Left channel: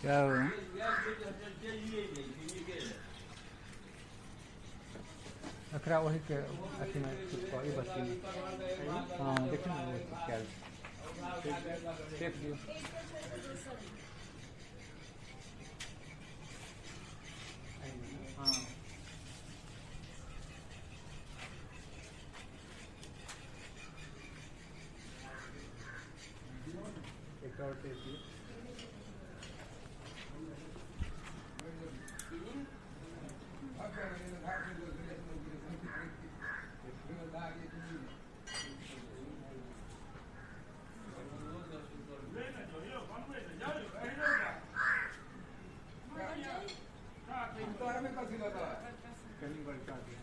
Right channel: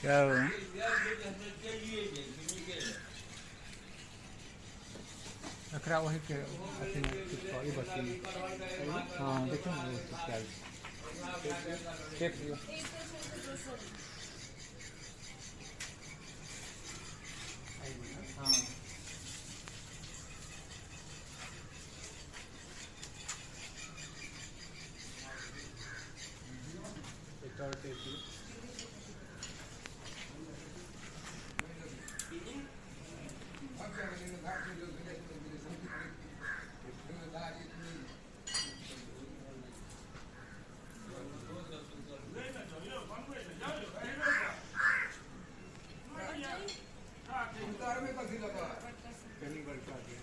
क्या हुआ? अखरा वही के अथी में चिपकाई बत्ती में। हाँ देखिए ना वो क्या देख लियो। हाँ एक और टेप दियो। कहीं बड़का दिया।